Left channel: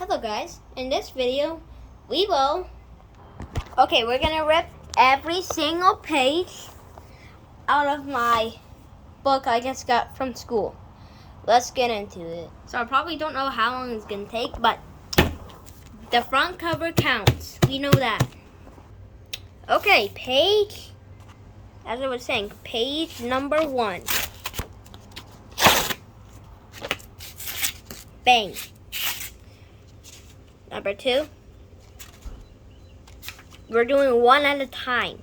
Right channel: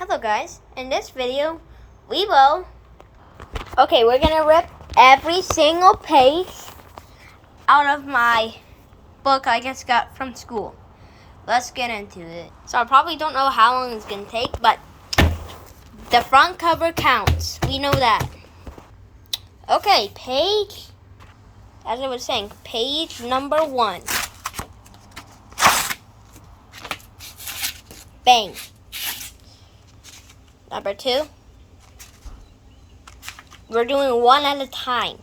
Hello guys, in this video we're gonna rip every single page out of my book I just got from school. Let's get into it. So I probably don't know how long it's gonna take, but the front cover counts. We know that. Okay, page, as I was saying, page number 1. Bang. Number 2. We're doing one at a time.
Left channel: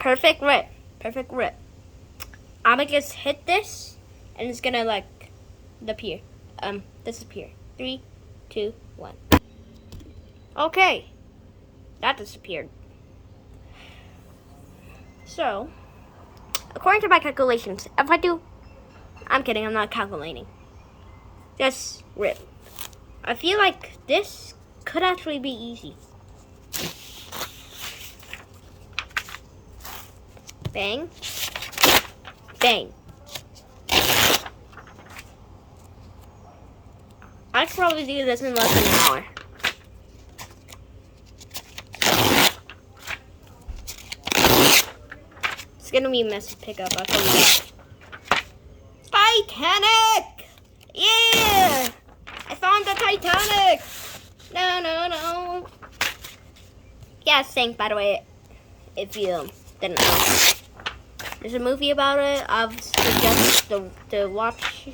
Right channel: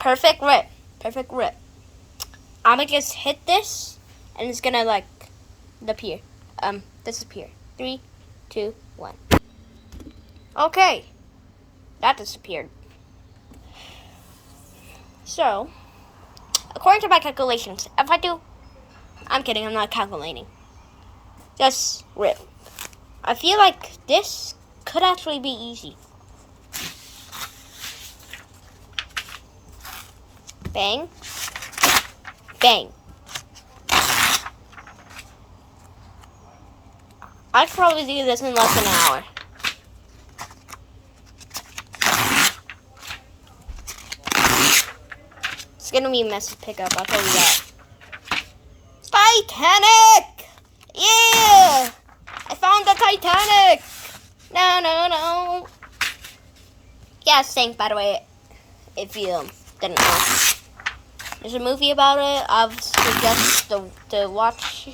Perfect rip. Perfect rip. I'm gonna just hit this and it's gonna disappear. 3, 2, 1. Okay. That disappeared. So, according to my calculations, I'm kidding, I'm not calculating. Just rip. I feel like this could actually be easy. Bang. Bang. I could probably do this in less than an hour. It's gonna be a messy pickup, I'll tell you that. Titanic! Yeah! I found the Titanic! No. Yeah, it sank, by the way, if you didn't know. There's a movie about it. I've suggested to watch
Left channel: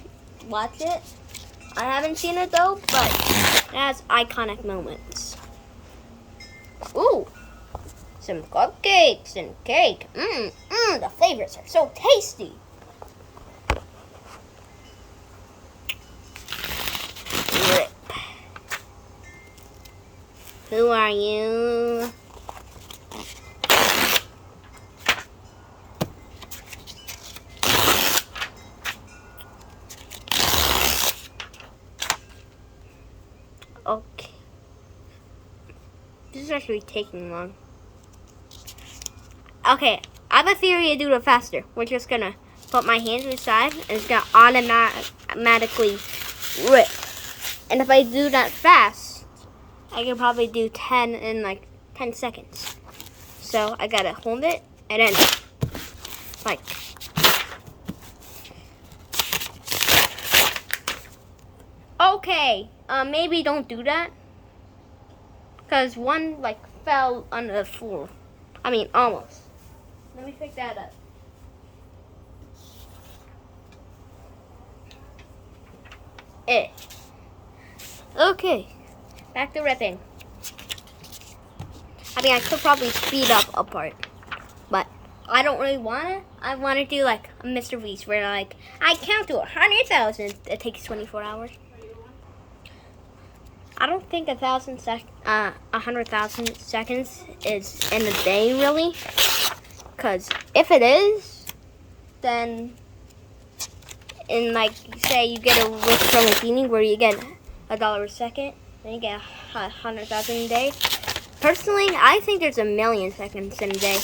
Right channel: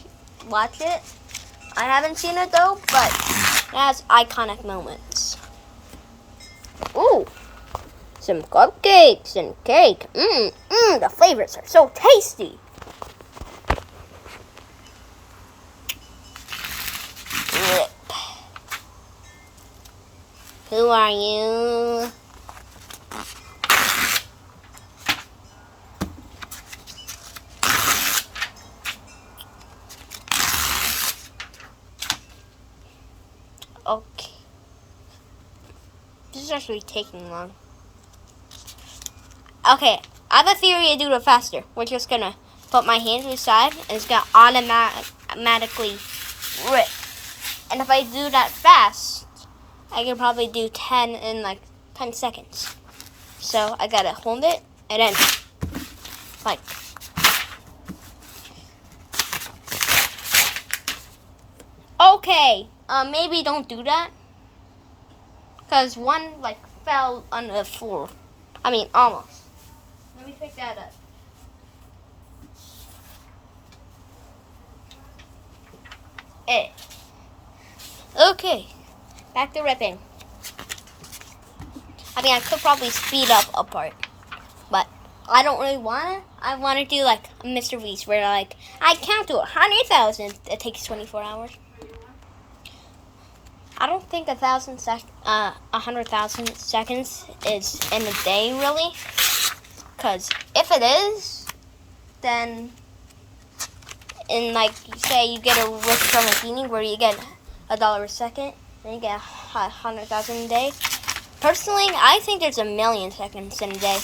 it. I haven't seen it though, but it has iconic moments. Ooh! Some cupcakes and cake. The flavors are so tasty. Rip. Who are you? Okay. This is actually taking long. Okay, I have a theory to do it faster. We're just gonna put my hand to the side and it's gonna automatically rip. And if I do that fast, I can probably do 10 in 10 seconds. So I gotta hold it and then okay, maybe don't do that. Cause one fell on the floor. I mean, almost. Let me pick that up. Okay, back to ripping. I mean, I could probably speed up a part, but I don't really want to. I want to do a Mr. Beast where I count to 100,000. It takes 24 hours. I don't think 100,000 seconds is in a day really, because if it is, then in say you get a wish from a genie where you get $1 a second, and you get 100,000 a day. Personally, I think there's 1,000,000 seconds in a day.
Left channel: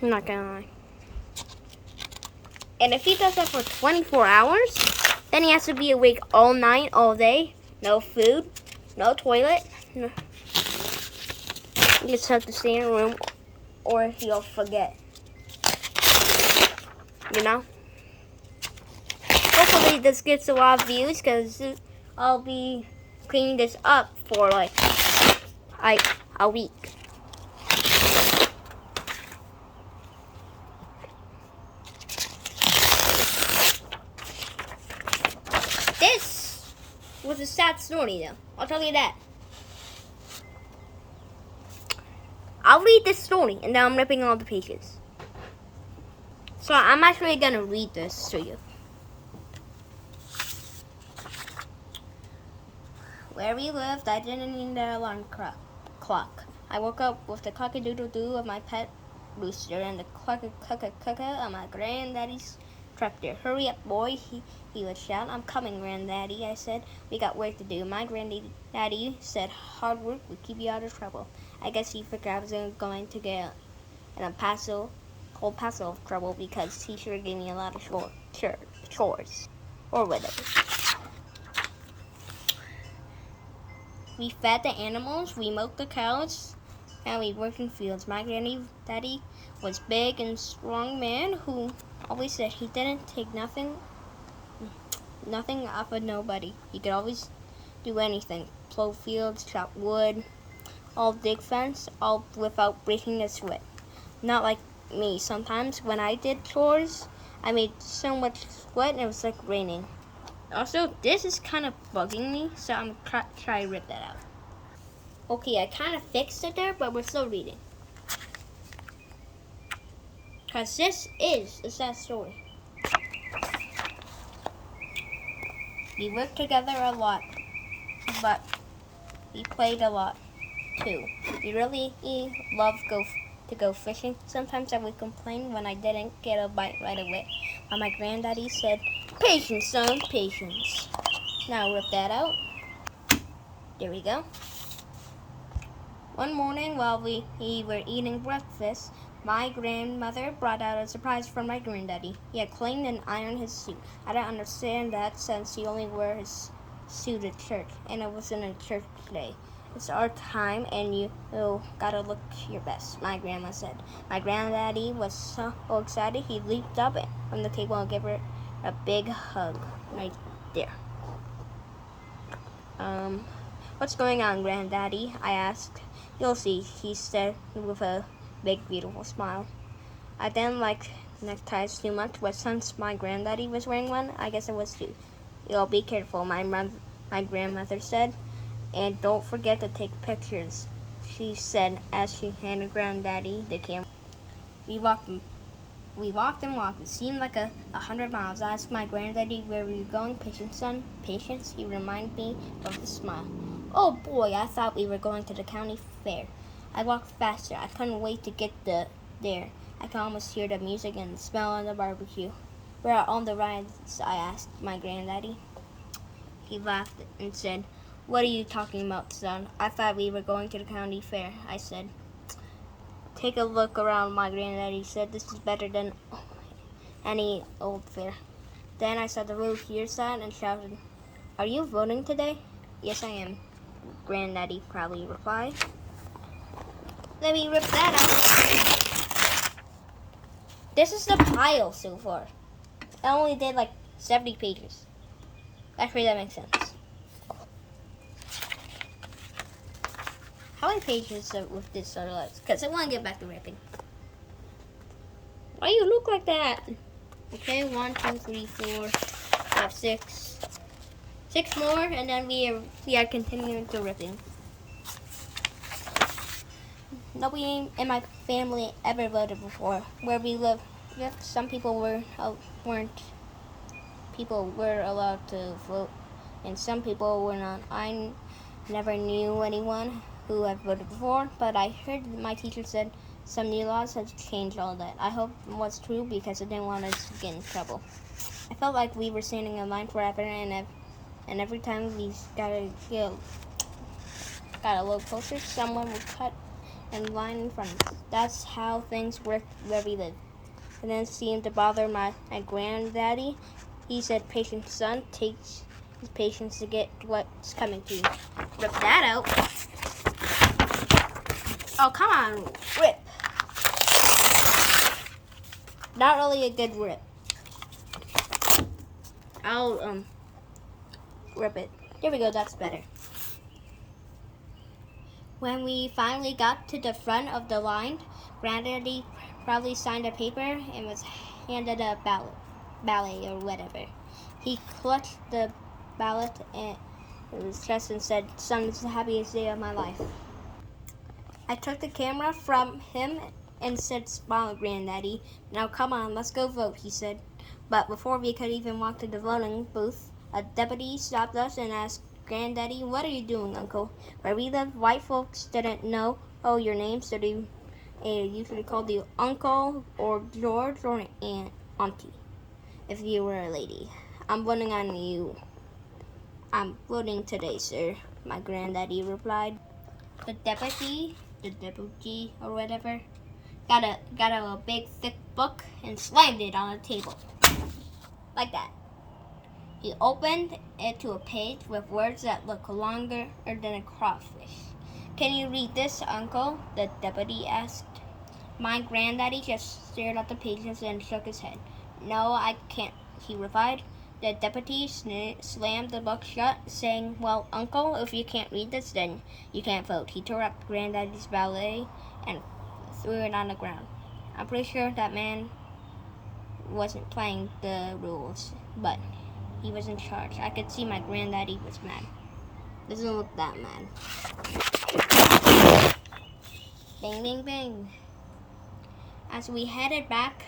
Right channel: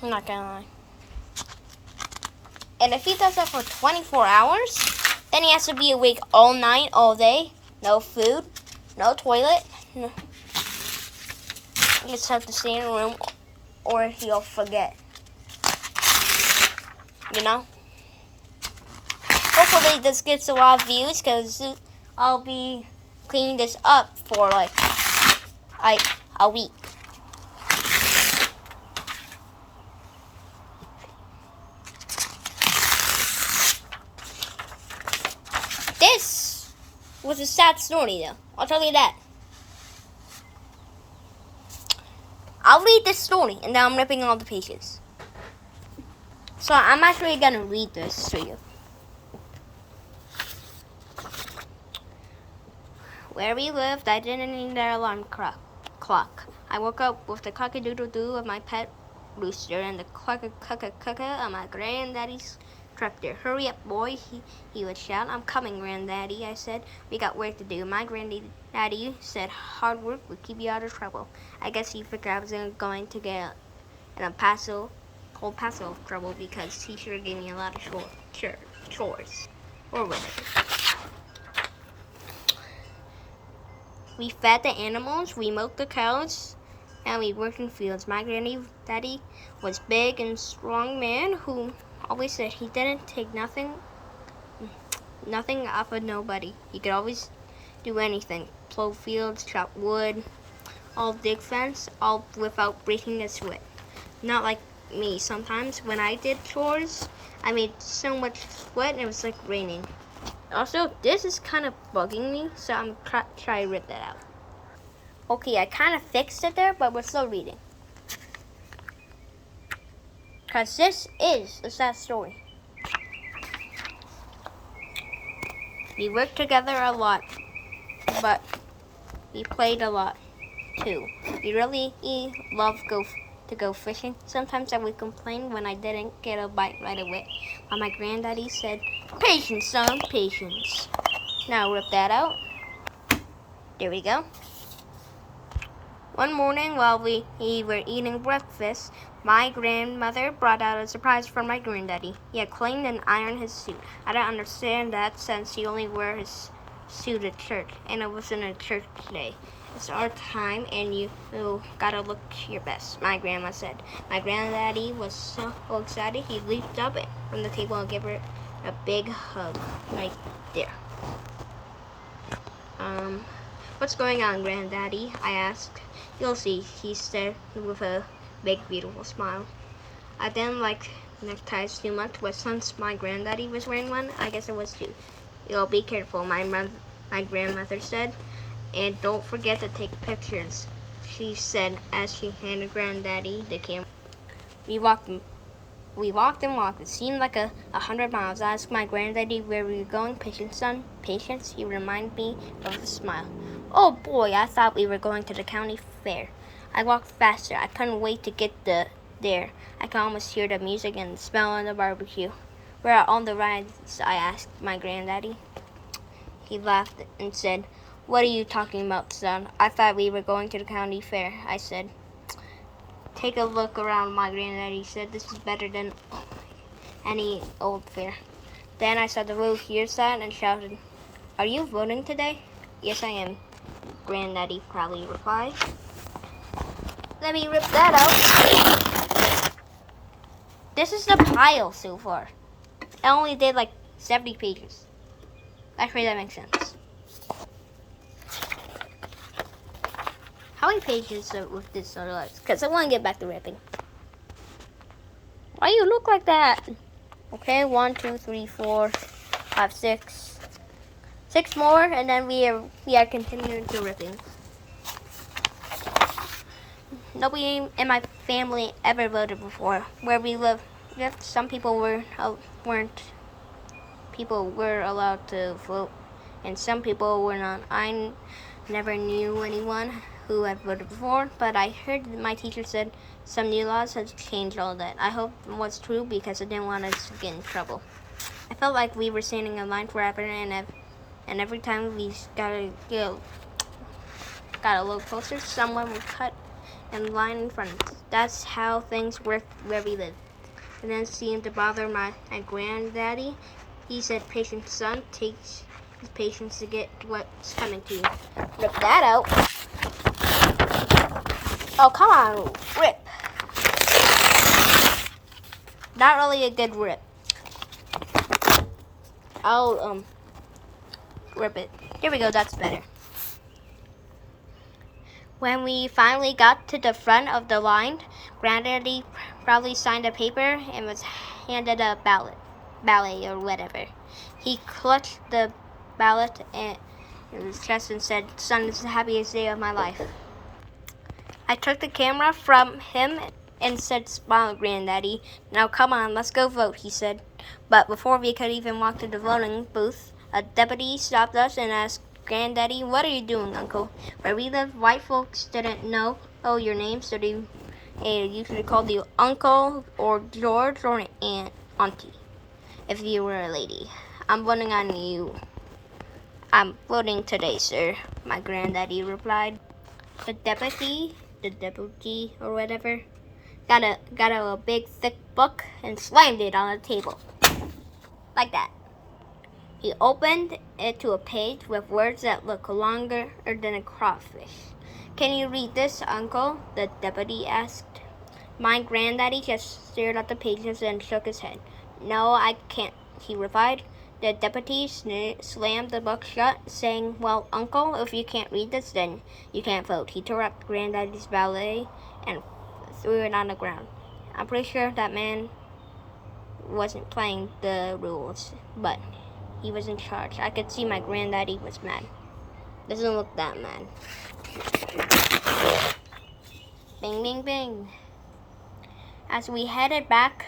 I'm not gonna lie. And if he does that for 24 hours, then he has to be awake all night, all day. No food, no toilet. No. You just have to stay in a room, or you'll forget. You know? Hopefully this gets a lot of views, because I'll be cleaning this up for a week. This was a sad story though, I'll tell you that. I'll read this story and then I'm ripping all the pages. So I'm actually gonna read this to you. Where we lived, I didn't need their alarm clock. I woke up with the cock-a-doodle-doo of my pet rooster and the cluck-a-cluck-a-cluck-a of my granddaddy's tractor. Hurry up, boy, he would shout. I'm coming, Granddaddy, I said. We got work to do. My granddaddy said hard work would keep you out of trouble. I guess he figured I was going to get in a whole pass of trouble because he sure gave me a lot of chores or whatever. We fed the animals, we milked the cows, and we worked in fields. My granddaddy was big and strong man who always said he didn't take nothing off of nobody. He could always do anything. Plow fields, chop wood, all dig fence, all without breaking a sweat. Not like me. Sometimes when I did chores, I made so much sweat and it was like raining. Also, this is kind of bugging me, so I'm try to rip that out. Okay, I kind of fixed it there, but we're still reading. Because this is a sad story. We worked together a lot, but we played a lot too. We really love to go fishing. Sometimes I would complain when I didn't get a bite right away. But my granddaddy said, "Patience, son, patience." Now rip that out. There we go. One morning while we were eating breakfast, my grandmother brought out a surprise for my granddaddy. He had cleaned and ironed his suit. I don't understand that since he only wears his suit at church, and it wasn't a church day. It's our time, and you gotta look your best, my grandma said. My granddaddy was so excited, he leaped up from the table and gave her a big hug right there. What's going on, Granddaddy? I asked. You'll see, he said with a big, beautiful smile. I didn't like neckties too much, but since my granddaddy was wearing one, I guess it was too. You'll be careful, my grandmother said. And don't forget to take pictures, she said as she handed Granddaddy the camera. We walked and walked. It seemed like 100 miles. I asked my granddaddy where we were going. Patience, son. Patience, he reminded me with a smile. Oh boy, I thought we were going to the county fair. I walked faster. I couldn't wait to get there. I could almost hear the music and the smell of the barbecue. Where are all the rides? I asked my granddaddy. He laughed and said, "What are you talking about, son? I thought we were going to the county fair," I said. "Take a look around," my granddaddy said. "This is better than any old fair." Then I saw the roof here sign and shouted, "Are you voting today?" "Yes, I am," Granddaddy proudly replied. Let me rip that out. This is the pile so far. I only did like 70 pages. Actually, that makes sense. How many pages with this are left? Because I want to get back to ripping. Why you look like that? Okay, 1, 2, 3, 4, 5, 6. 6 more, and then we are continuing to ripping. Nobody in my family ever voted before. Where we live, some people weren't. People were allowed to vote, and some people were not. I never knew anyone who had voted before, but I heard my teacher said some new laws have changed all that. I hope it was true because I didn't want us to get in trouble. I felt like we were standing in line forever, and every time we got a little closer, someone would cut in line in front of us. That's how things worked where we live. It didn't seem to bother my granddaddy. He said, "Patience, son. Takes patience to get what's coming to you." Rip that out. Oh, come on, rip. Not really a good rip. I'll rip it. Here we go, that's better. When we finally got to the front of the line, Granddaddy proudly signed a paper and was handed a ballot or whatever. He clutched the ballot in his chest and said, "Son, this is the happiest day of my life." I took the camera from him and said, "Smile, Granddaddy. Now come on, let's go vote," he said. But before we could even walk to the voting booth, a deputy stopped us and asked, "Granddaddy, what are you doing, Uncle?" Where we live, white folks didn't know your name, so they usually called you Uncle or George or Auntie if you were a lady. "I'm voting on you." "I'm voting today, sir," my granddaddy replied. The deputy or whatever got a big thick book and slammed it on the table like that. He opened it to a page with words that looked longer than a crawfish. "Can you read this, Uncle?" the deputy asked. My granddaddy just stared at the pages and shook his head. "No, I can't," he replied. The deputy slammed the book shut, saying, "Well, Uncle, if you can't read this, then you can't vote." He tore up Granddaddy's ballet and threw it on the ground. I'm pretty sure that man wasn't playing the rules, but he was in charge. I could see my granddaddy was mad. Doesn't look that mad. Bing, bing, bing. As we headed back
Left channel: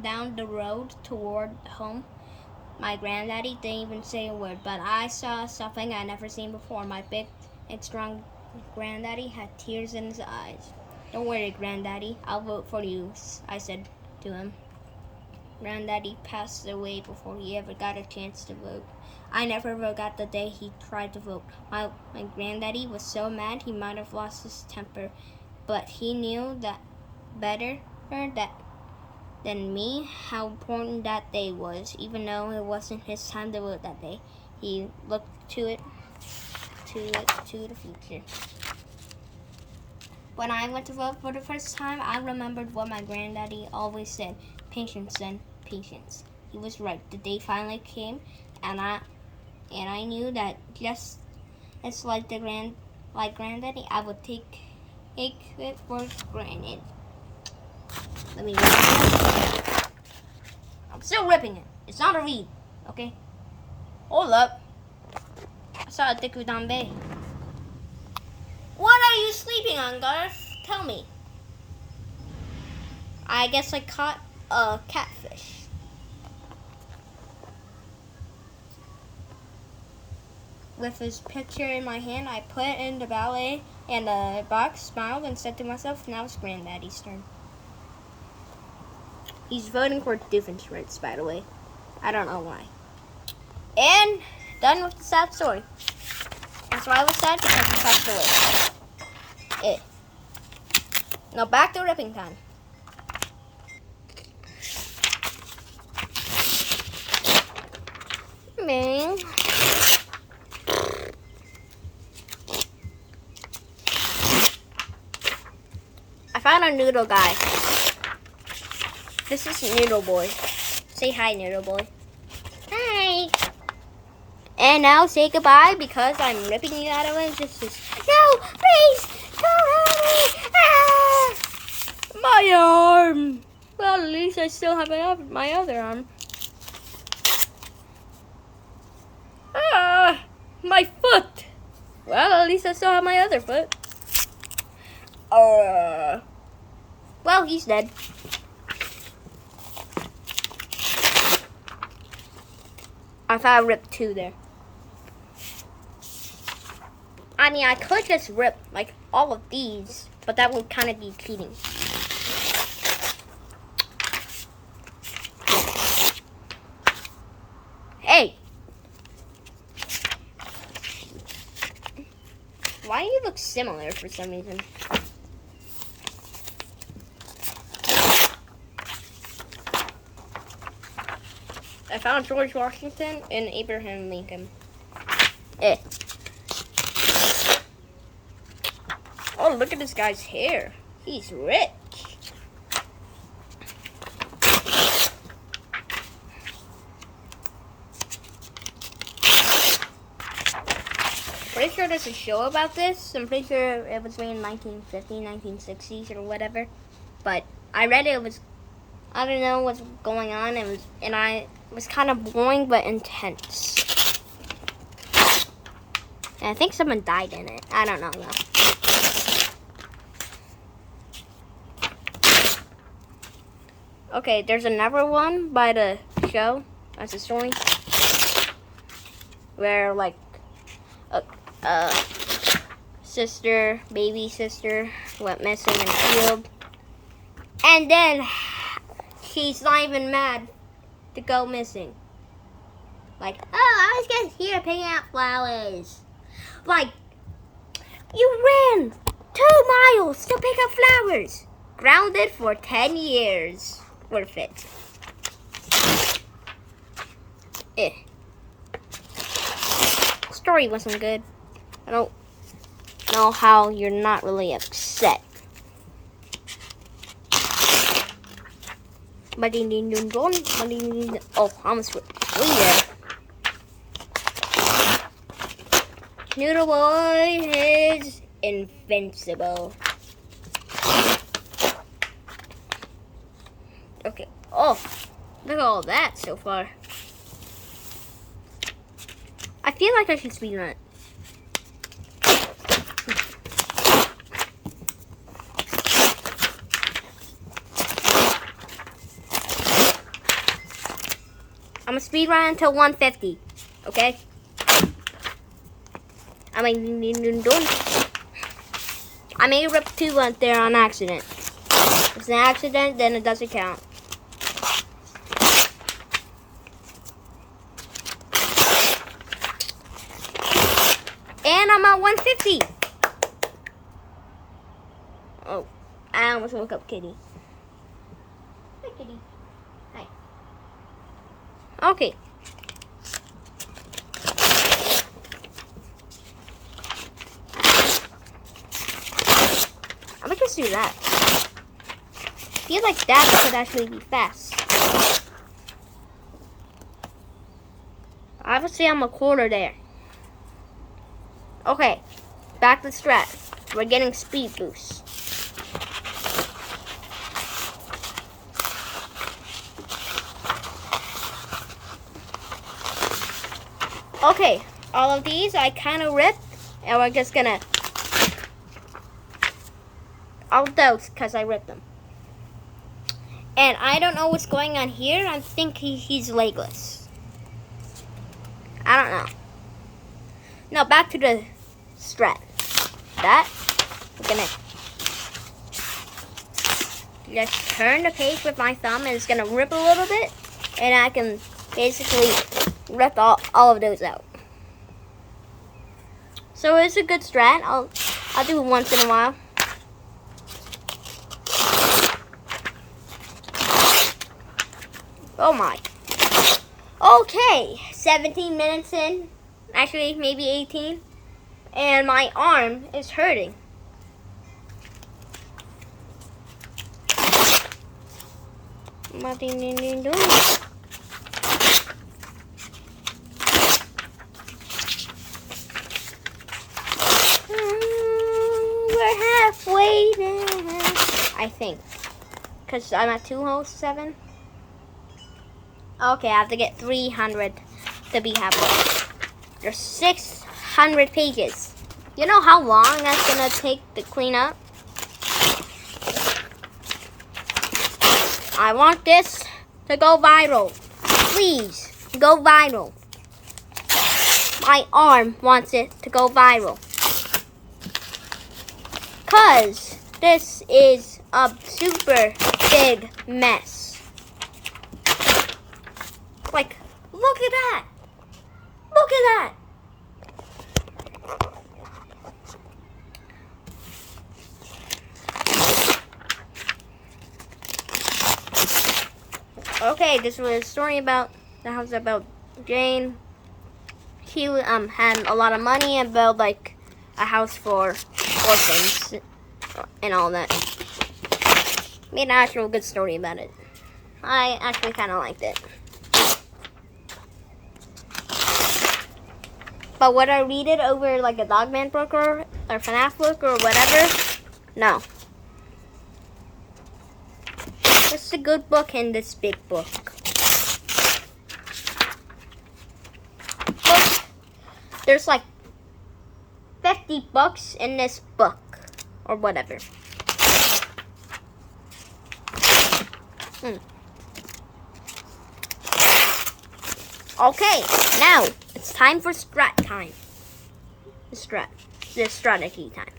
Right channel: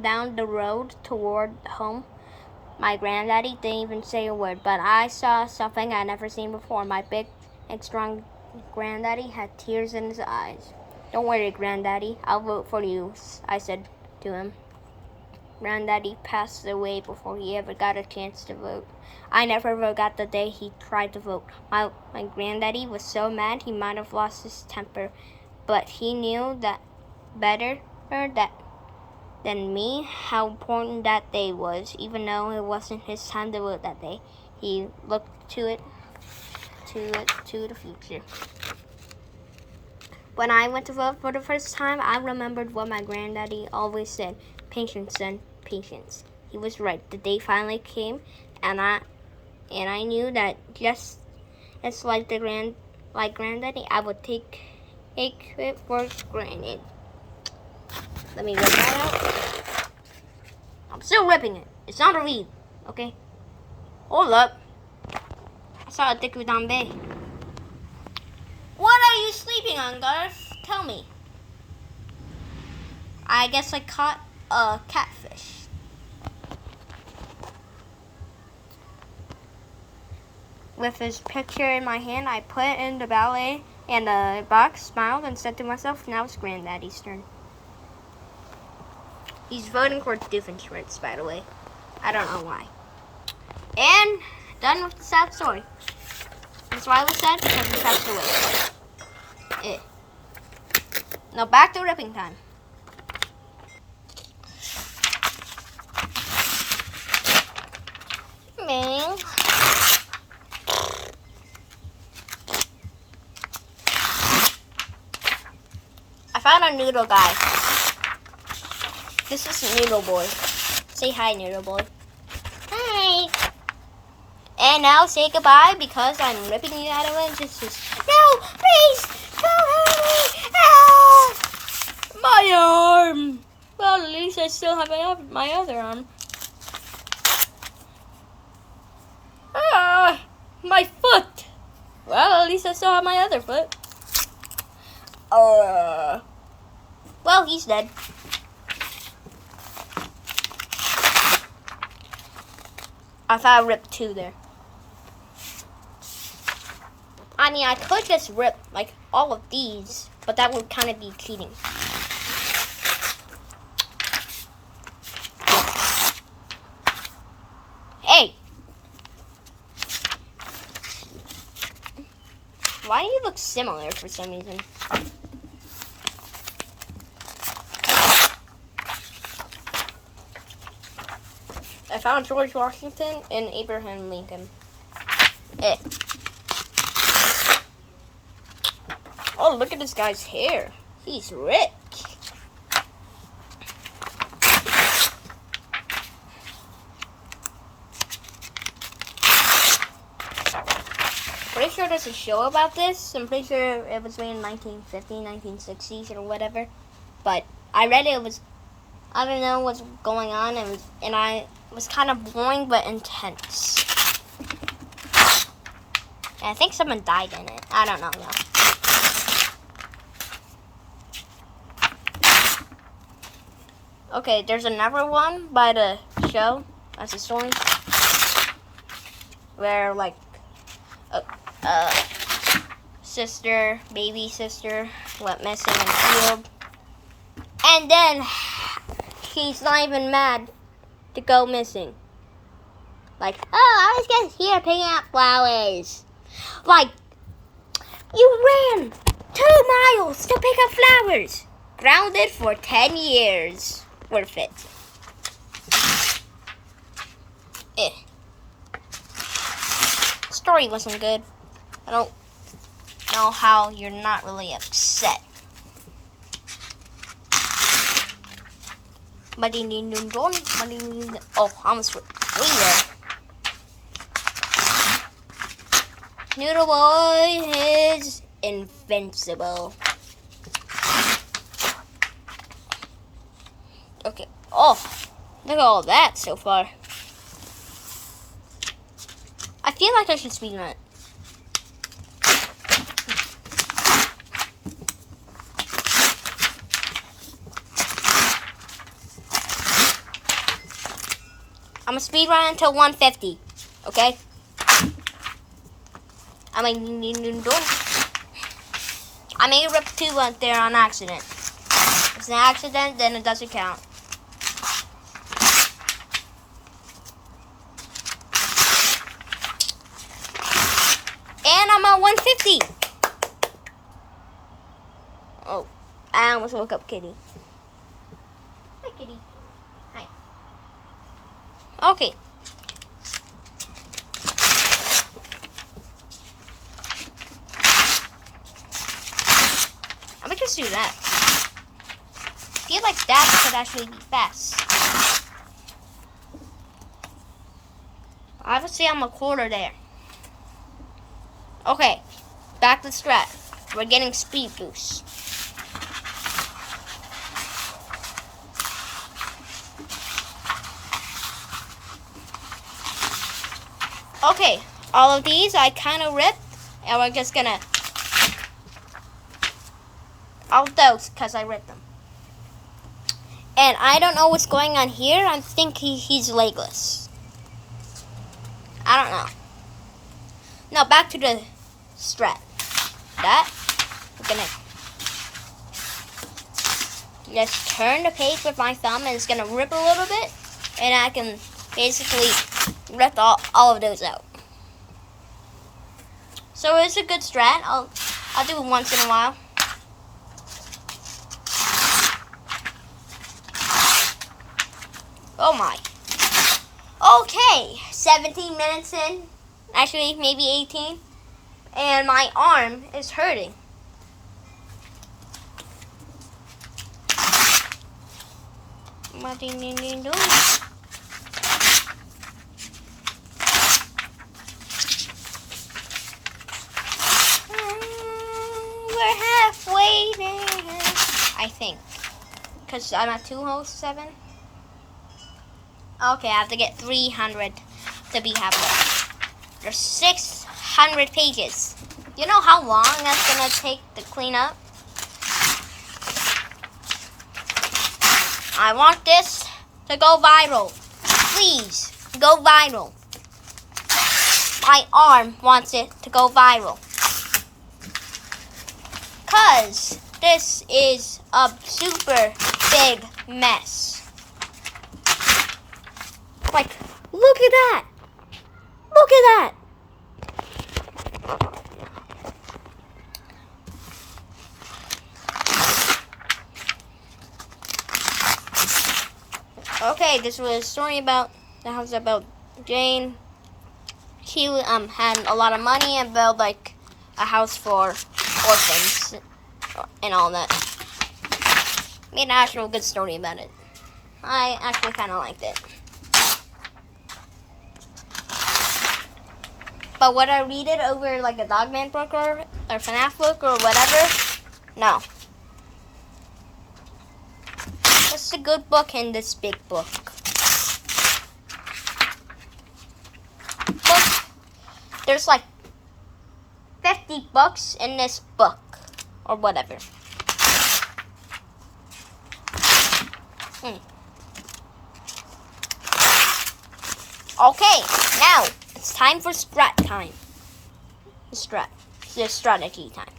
down the road toward home, my granddaddy didn't even say a word, but I saw something I'd never seen before. My big and strong granddaddy had tears in his eyes. "Don't worry, Granddaddy, I'll vote for you," I said to him. Granddaddy passed away before he ever got a chance to vote. I never forgot the day he tried to vote. My granddaddy was so mad he might have lost his temper, but he knew that better than me how important that day was. Even though it wasn't his time to vote that day, he looked to the future. When I went to vote for the first time, I remembered what my granddaddy always said: "Patience, son, patience." He was right. The day finally came, and I knew that just as like granddaddy, I would take it for granted. Let me rip it out. I'm still ripping it. It's not a read, okay? Hold up. I saw a Dikudanbe. What are you sleeping on, Garth? Tell me. I guess I caught a catfish. With his picture in my hand, I put it in the ballet and the box, smiled, and said to myself, "Now it's Granddaddy's turn." He's voting for Doofenshmirtz, by the way. I don't know why. And done with the sad story. That's why I was sad, because he passed away. Now back to ripping time. Bing. I found a noodle guy. This is Noodle Boy. Say hi, Noodle Boy. Hi. And now say goodbye, because I'm ripping you out of existence. No, please, don't hurt me. Ah! My arm. Well, at least I still have my other arm. Ah, my foot. Well, at least I still have my other foot. Well, he's dead. I thought I ripped two there. I mean, I could just rip like all of these, but that would kind of be cheating. Hey! Why do you look similar for some reason? I found George Washington and Abraham Lincoln. Oh, look at this guy's hair. He's rich. Pretty sure there's a show about this. I'm pretty sure it was made in 1950s, 1960s, or whatever. But I read it was, I don't know what's going on, and it was kind of boring but intense. And I think someone died in it. I don't know yet. Okay, there's another one by the show. That's a story where like baby sister went missing in the field, and then she's not even mad to go missing. Like, oh, I was just here picking up flowers. Like, you ran 2 miles to pick up flowers. Grounded for 10 years. Worth it. story wasn't good. I don't know how you're not really upset. Oh, almost real. Noodle Boy is invincible. Okay. Oh, look at all that so far. I feel like I should speedrun it. I'm gonna speedrun until 150. Okay? I may rip 2 up there on accident. If it's an accident, then it doesn't count. And I'm at 150. Oh, I almost woke up Kitty. Hi, Kitty. Hi. Okay. I'm gonna just do that. I feel like that could actually be fast. Obviously, I'm a quarter there. Okay, back to the strat. We're getting speed boost. Okay, all of these I kind of ripped, and we're just gonna all those because I ripped them. And I don't know what's going on here. I think he's legless. I don't know. No, back to the strat. That we're gonna just turn the page with my thumb, and it's gonna rip a little bit, and I can basically rip all of those out. So it's a good strat. I'll do it once in a while. Oh my. Okay, 17 minutes in. Actually, maybe 18. And my arm is hurting. We're halfway there, I think. Because I'm at 207. Okay, I have to get 300 to be halfway. There's 600 pages. You know how long that's gonna take to clean up? I want this to go viral. Please, go viral. My arm wants it to go viral. Cause this is a super big mess. Like, look at that. Look at that. Okay, this was a story about the house about Jane. She had a lot of money and built like a house for orphans and all that. Made an actual good story about it. I actually kind of liked it. But would I read it over like a Dogman book or FNAF book or whatever? No. It's a good book in this big book. There's like 50 books in this book or whatever. Okay, now it's time for strat time. The strategy time.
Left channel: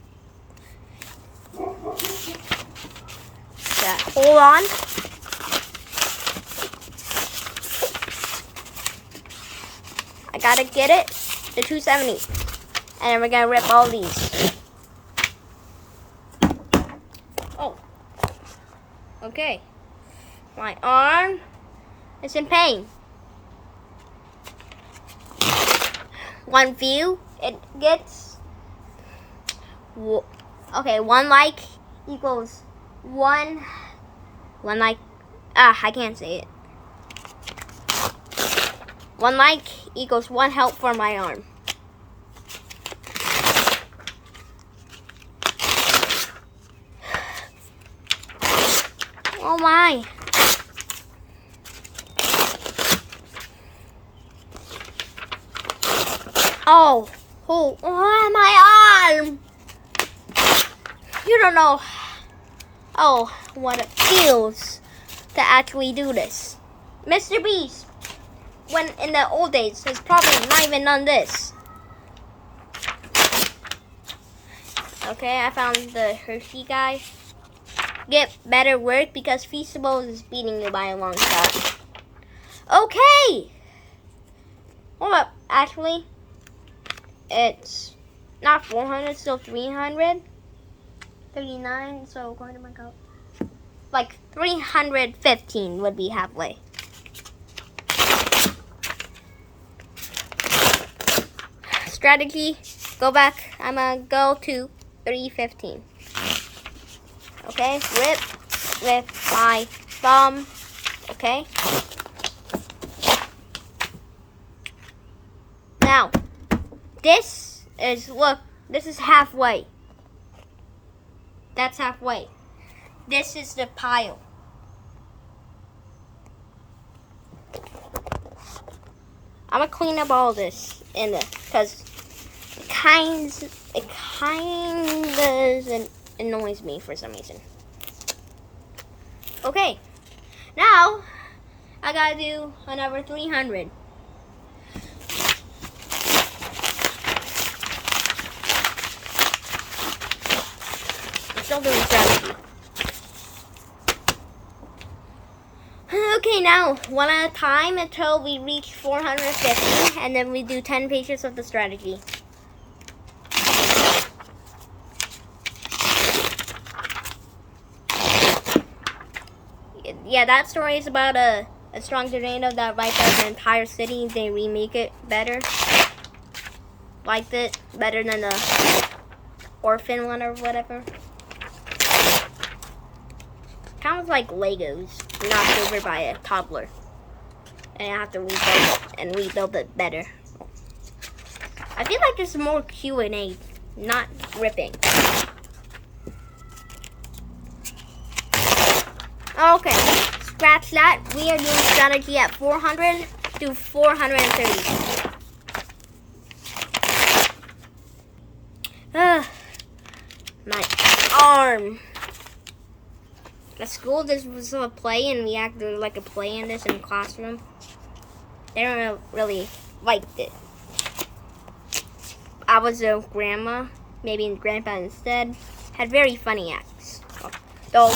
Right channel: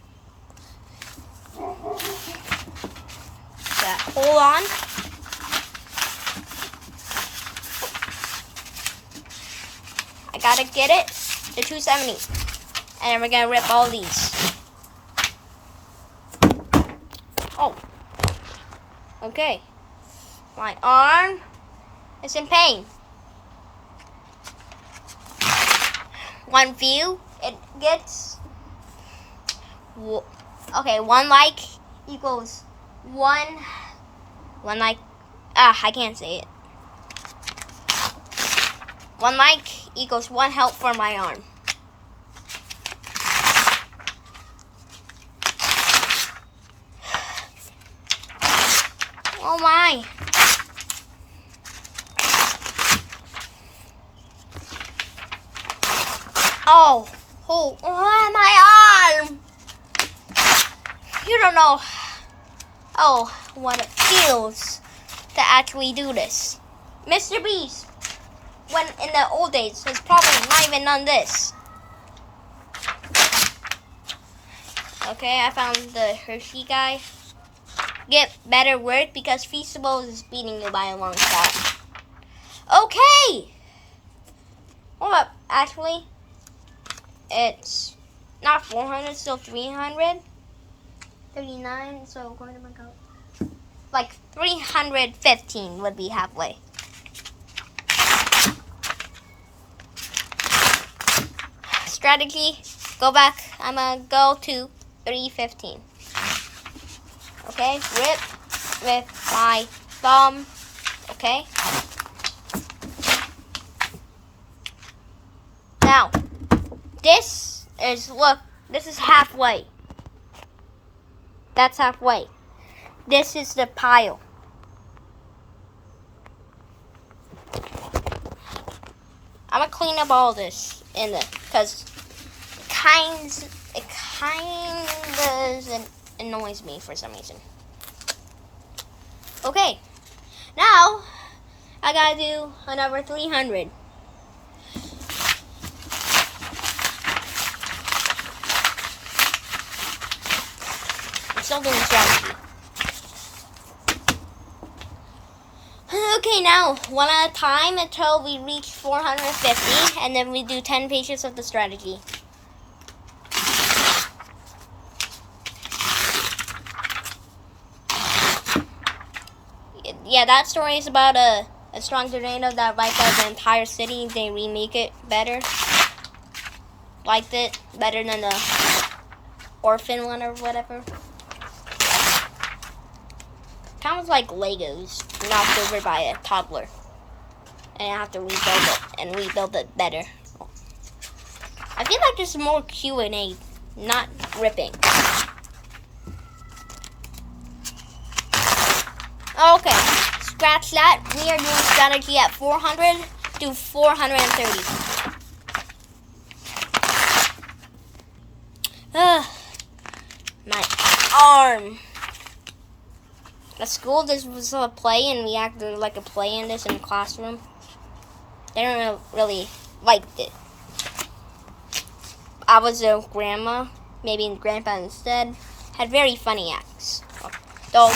Yeah, hold on. I gotta get it to 270. And we're gonna rip all these. Oh. Okay. My arm is in pain. 1 view it gets. Okay, 1 like equals 1 like. I can't say it. 1 like equals 1 help for my arm. Oh my. Oh, my arm. You don't know what it feels to actually do this. Mr. Beast, when in the old days, was probably not even done this. Okay, I found the Hershey guy. Get better work because Feastables is beating you by a long shot. Okay! Hold up, actually, it's not 400, still 300. 39, so according to my count, like 315 would be halfway. Strategy, go back. I'm gonna go to 315. Okay, rip with my thumb. Okay. Now, this is, look, this is halfway. That's halfway. This is the pile. I'm gonna clean up all this in the, cause it kinda annoys me for some reason. Okay, now I gotta do another 300. I'm still doing strategy. Okay, now one at a time until we reach 450, and then we do 10 pages of the strategy. Yeah, that story is about a strong tornado that wiped out the entire city. They remake it better. Liked it better than the orphan one or whatever. Kind of like Legos knocked over by a toddler. And I have to rebuild it and rebuild it better. I feel like there's more Q&A, not ripping. Okay, scratch that. We are doing strategy at 400 to 430. My arm. At school, this was a play, and we acted like a play in this in the classroom. They don't really liked it. I was a grandma, maybe grandpa instead. Had very funny acts. Though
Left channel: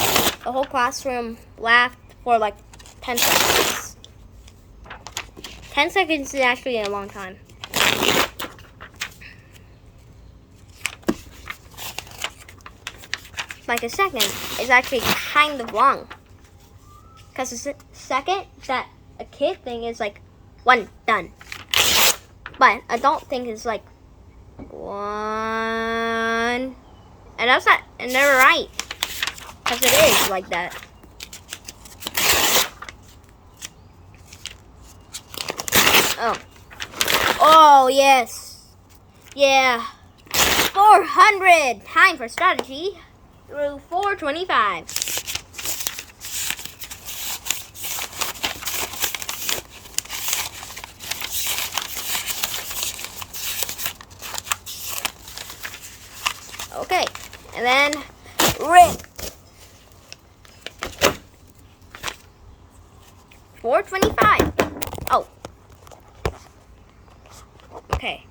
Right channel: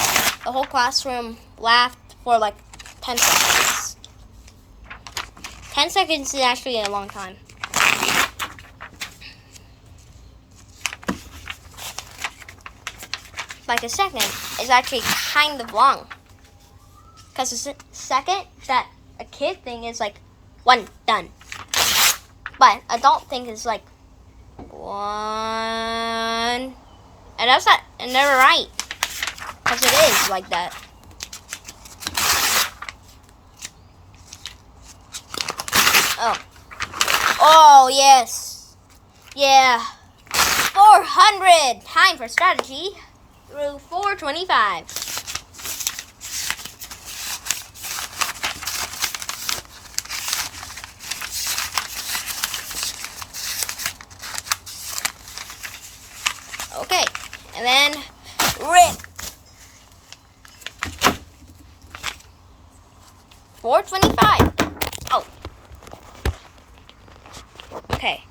the whole classroom laughed for like 10 seconds. 10 seconds is actually a long time. Like a second is actually kind of long. Because a second that a kid thing is like 1, done. But adult thing is like 1. And that's not, and they're right. Because it is like that. Oh, yes. Yeah. 400. Time for strategy through 425. Okay. And then rip. 425. Oh. Okay.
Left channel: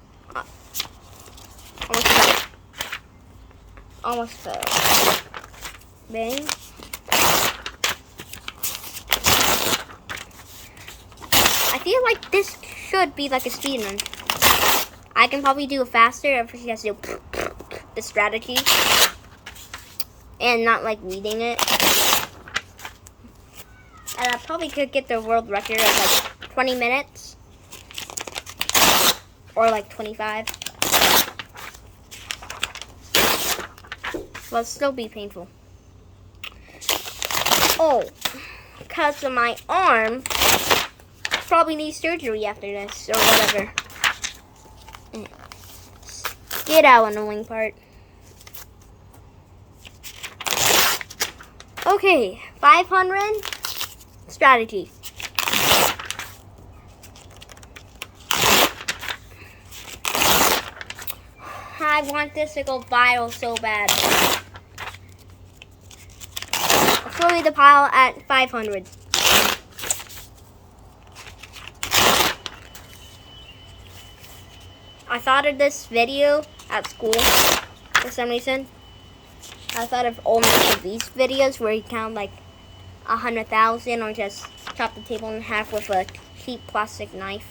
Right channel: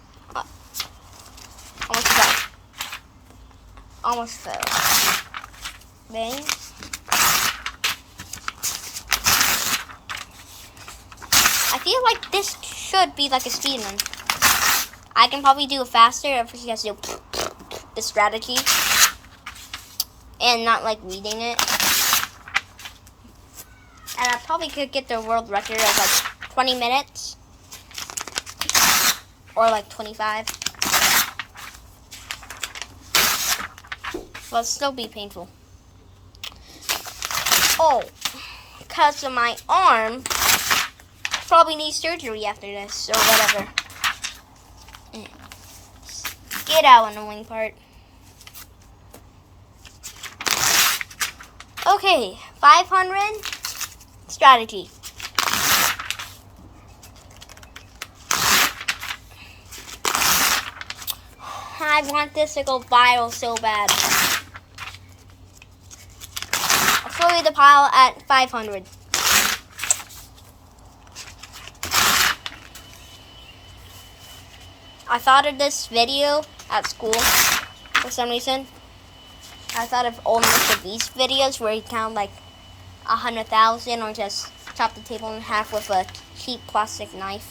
Almost fell. Bang. I feel like this should be like a speed run. I can probably do it faster if she has to do the strategy and not like reading it. And I probably could get the world record of like 20 minutes. or like 25. But still be painful. Oh, because of my arm, probably need surgery after this or whatever. Get out, annoying part. Okay, 500 strategy. I want this to go viral so bad. I'll show you the pile at 500. I thought of this video at school for some reason. I thought of old Mr. Beast videos where he count like 100,000 or just chop the table in half with a cheap plastic knife.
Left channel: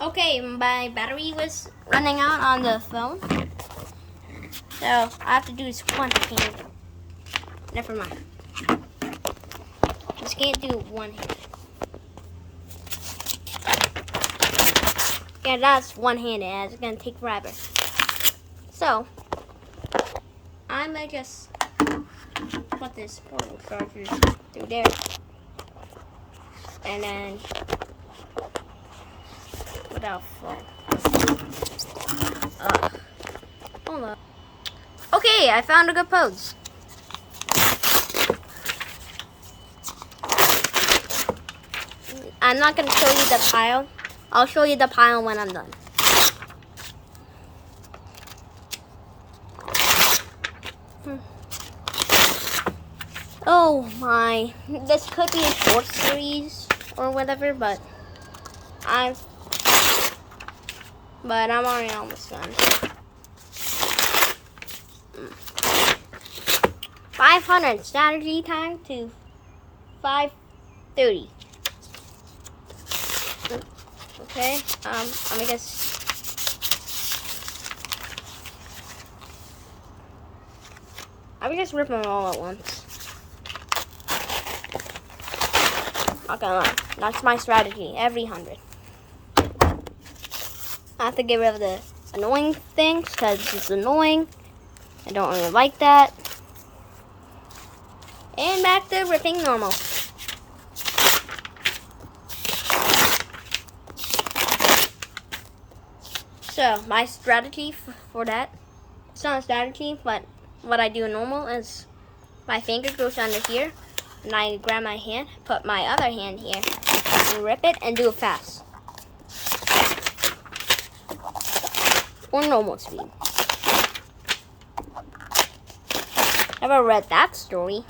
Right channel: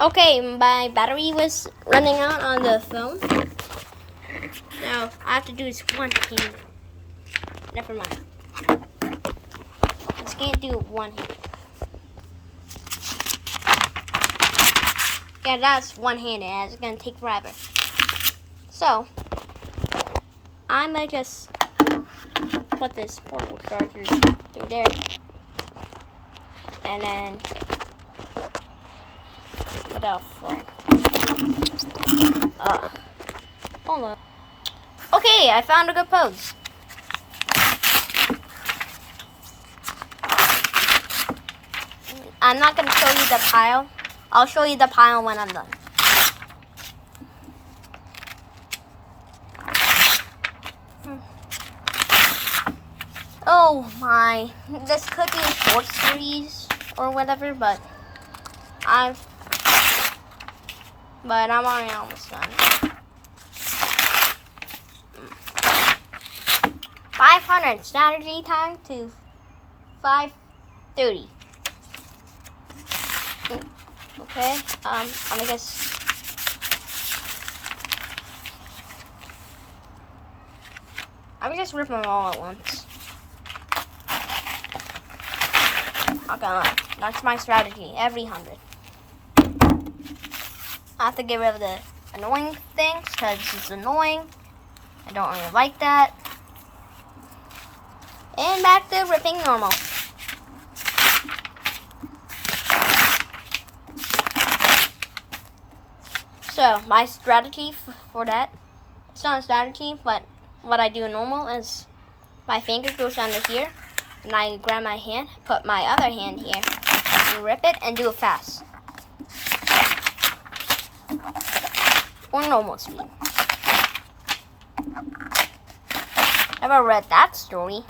Okay, my battery was running out on the phone. So I have to do this one hand. Never mind. Just can't do it one hand. Yeah, that's one-handed. It's gonna take forever. So I might just put this portable charger through there, and then what else for it? Hold on. Okay, I found a good pose. I'm not gonna show you the pile. I'll show you the pile when I'm done. Oh my, this could be a short series or whatever, but I'm already almost done. 500 strategy time to 5:30. Okay, I guess. I would just rip them all at once. Okay, that's my strategy. Every 100. I have to get rid of the annoying things because it's annoying. I don't really like that. And back to ripping normal. So, my strategy for that, it's not a strategy, but what I do normal is my finger goes under here, and I grab my hand, put my other hand here, and rip it, and do it fast. Or normal speed. Never read that story.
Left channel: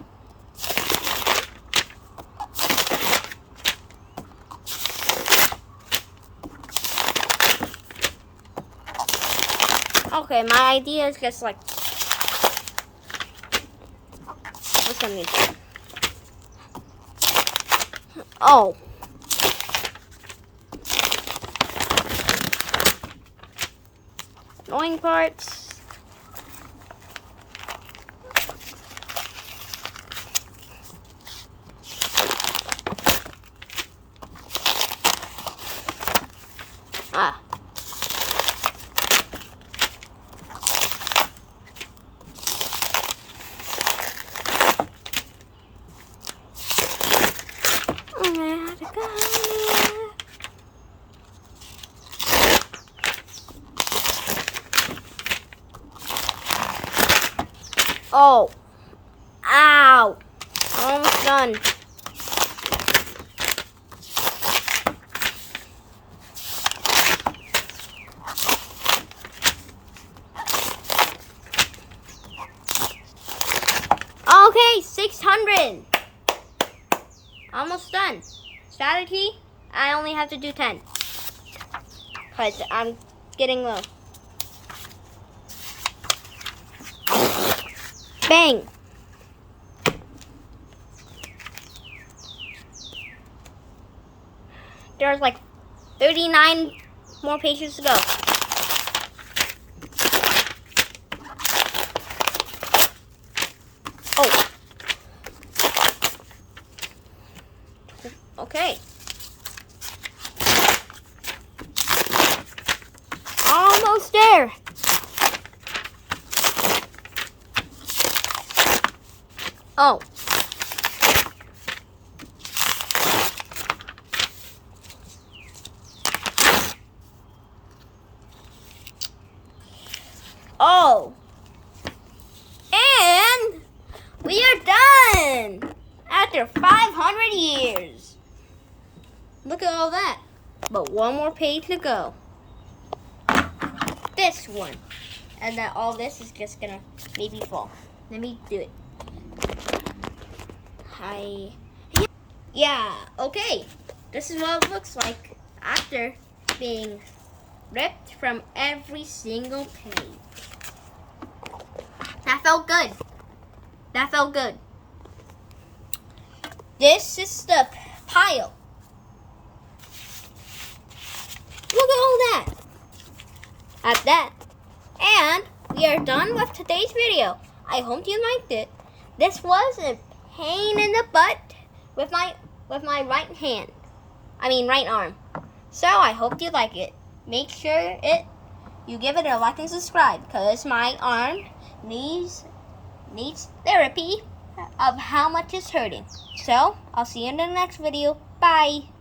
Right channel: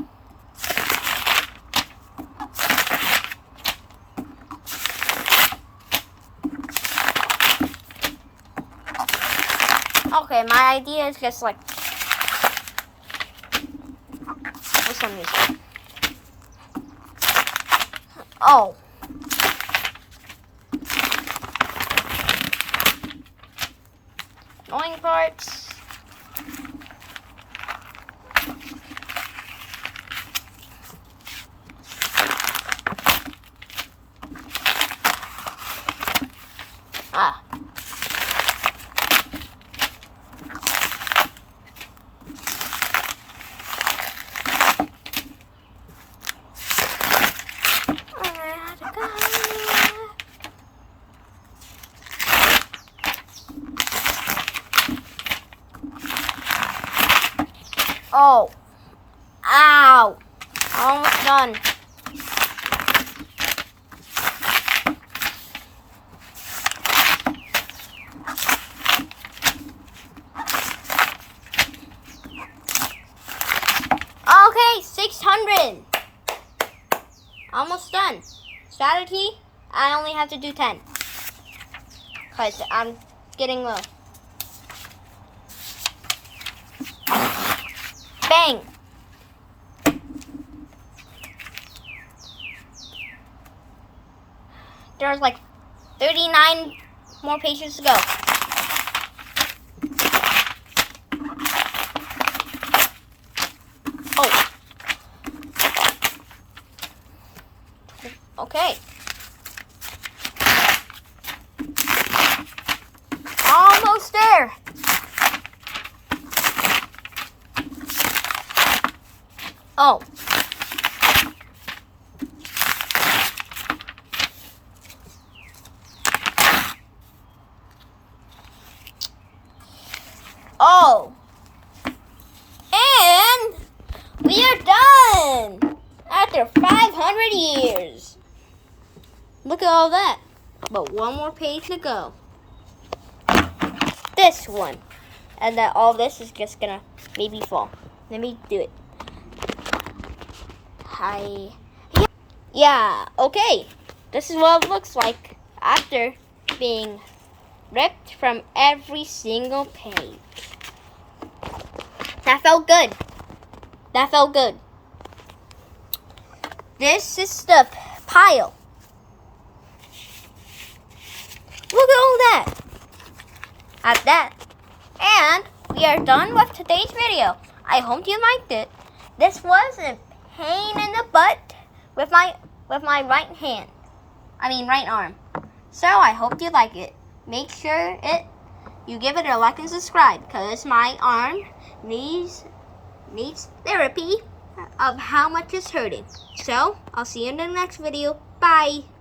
Okay, my idea is just like what's some music? Oh. Annoying parts. Ah. Oh, ow, almost done. Okay, 600. Almost done. Strategy, I only have to do 10. Because I'm getting low. Bang. There's like 39 more pages to go. Oh. Okay. Oh. Oh. And we are done after 500 years. Look at all that. But one more page to go. This one. And then all this is just gonna maybe fall. Let me do it. Hi. Yeah, okay. This is what it looks like after being ripped from every single page. That felt good. That felt good. This is the pile. Look at all that. At that. And we are done with today's video. I hope you liked it. This was a pain in the butt with my right hand. Right arm. So I hope you like it. Make sure you give it a like and subscribe because my arm needs therapy of how much it's hurting. So I'll see you in the next video. Bye.